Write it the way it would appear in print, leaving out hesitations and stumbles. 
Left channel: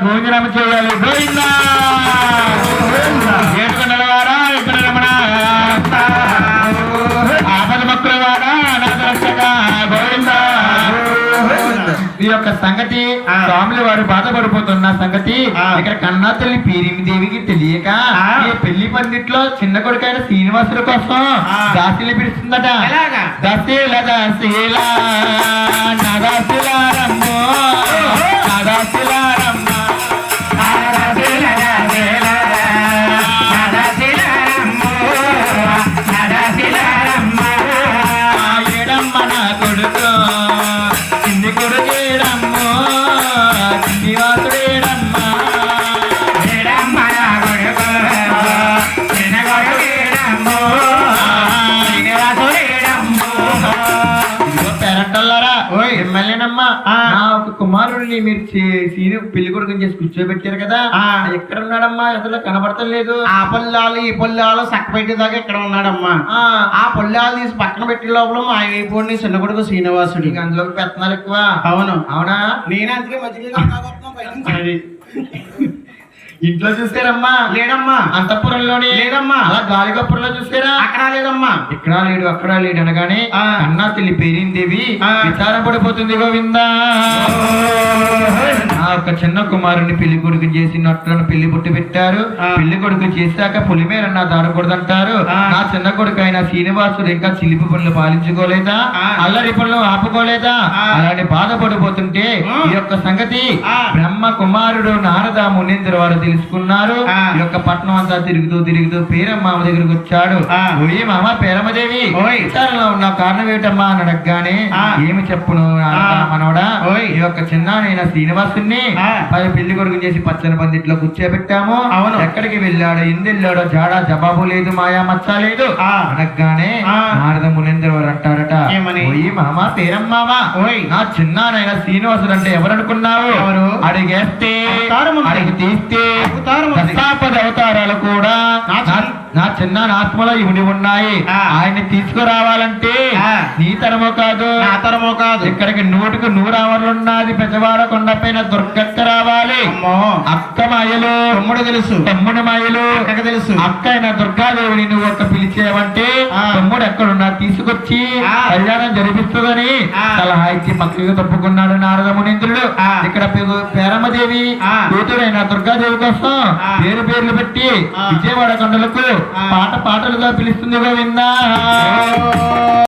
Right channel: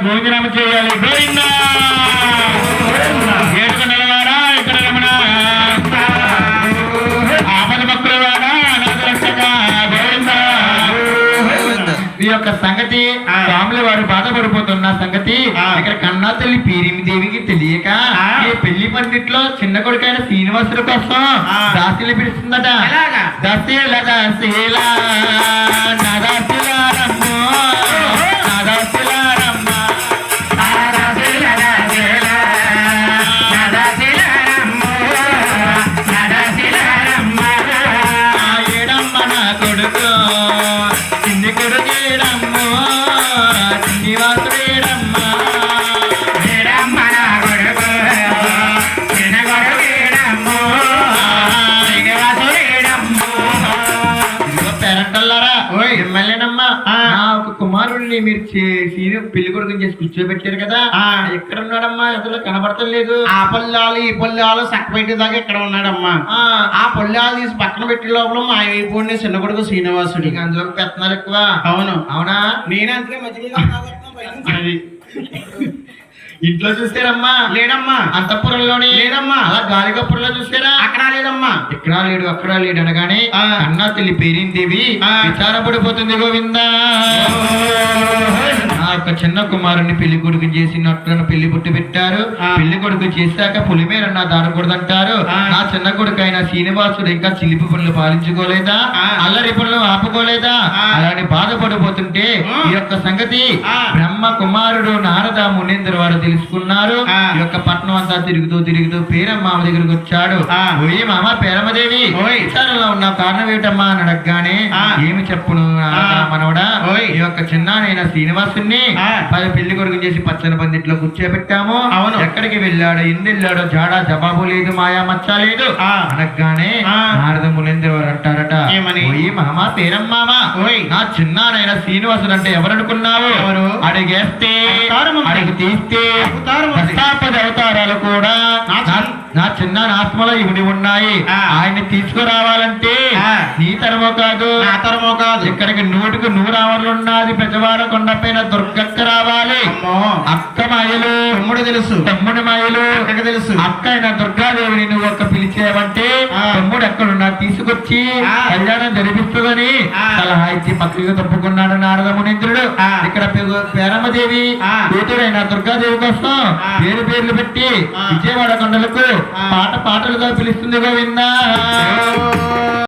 భోజనం చేయాలి. గోవిందా ఏడుకొండల వాడా, ఇక్కడ రమణ ఆపద భక్తుల వాడా, అనాథ రక్షక గోవిందా. ఈ యొక్క సంగతి స్వాముల వారు బాధపడిపోతున్న సంగతి ఇక్కడ కన్నా తల్లి పీరిమి దేవికి తెలియక ఈ పెళ్లి పండిట్లో చిన్న కొడుకైన శ్రీనివాసుల కోసం దాసీలు పిలుస్తుందట. దశీల దశీల కుమారుడిని మీరు పెళ్లి కొడుకుని చేసి కూర్చోబెట్టారు కదా, ఎక్కడ ఉన్నాడమ్మా? ఎదురు కనబడతలేదు. ఆ పొల్లాలు ఈ పొల్లాలు సక్కపెట్టే దాకా ఎక్కడ ఉన్నాడమ్మా? ఆ పొల్లాలు తీసి పక్కన పెట్టే లోపల మా అయిపోయింది చిన్న కొడుకు శ్రీనివాసుడి. అందులో పెత్తనాలు ఎక్కువ. అవును. అవునా? నేనే అందుకే మధ్య ఇంట్లో చూసారమ్మా? లేడమ్మా. అంతఃపురంలోనే లేడమ్మా. అలా గాలిగప్పుడులో చూసారా? అక్కడ లేదమ్మా. ఇక్కడ లేడు అక్కడ లేడు అనగానే కన్నా తల్లి పేరిందేవి విచారపడిపోతుంది. గోవిందా ఆ యొక్క చిన్న కుమారుని పెళ్లి కొడుకు చేసినట్లు పెళ్లి పుట్టి పెట్టారు. పెళ్లి కొడుకు చేశాక పులిమేర నా దాడకూడదంటారు. నా చిన్న కొడుకు అయిన శ్రీనివాసుడు ఇంకా చిలిపి పనులు పాలించుకోలేదా, అల్లరి పనులు ఆపుకోలేదా అలానే బాధపడిపోతుంటే ఈ యొక్క సంగతి బ్రహ్మ కుమారుడు నారద మునీంద్ర వారు తెలుసుకున్నారు. ఈ యొక్క పట్నం అంతా తిరుగుతూ తిరుగుతూ పేరమ్మ దగ్గరికి వచ్చాడు. ఓయ్ మామ పేరమ్మదేవి, విచారంలో ఉన్న కారణం ఏమిటమ్మా అని అడగగానే ఏమి చెప్పును మనవడా, ఈ యొక్క చిన్ననైన శ్రీనివాసుని పెళ్లి కొడుకు చేసి పచ్చని పందిట్లో కూర్చోబెట్టాము. ఎక్కడికి వెళ్ళాడో వెళ్ళాడో జాడా జవాబు లేదు, మాయా మచ్చ లేదు అనగానే నారద మునీంద్ర వారు అంటారట, ఓయ్ మామ పేరమ్మావా, నా చిన్ననైన శ్రీనివాసుడు అంటే ఎవరనుకున్నావు? అడిగేస్తే అడిగి తీస్తే దశాపద అవతారాలు కూడా నా చిన్న ఆత్మలో ఇవిడి ఉన్నాయి. ఆయన్ని తీసుకురావాలంటే నీ తరమో కాదు నా తరమో కాదు, ఇక్కడికి 100కు 100 ఆవర్లున్నది. పెద్దవాడ కొండపైన దుర్గక్క రావాలి. అక్క మాయలు తమ్ముడు తెలుసు, తమ్ముడి మాయలు అక్కడికి తెలుసు. అక్క అయిన దుర్గాదేవిని నువ్వు ఒక్క పిలిచేవంటే తమ్ముడు ఎక్కడున్నా తీసుకొచ్చి కళ్యాణం జరిపిస్తుందని సలహా ఇచ్చి పక్కగా తప్పుకున్నాడు నారద మునీంద్రుడు. ఇక్కడ పేరమ్మదేవి కూతురైన దుర్గాదేవి కోసం పేర్లు పెట్టి విజయవాడ కొండలకు పాటలుగా పిలుస్తుంది. గోవిందా.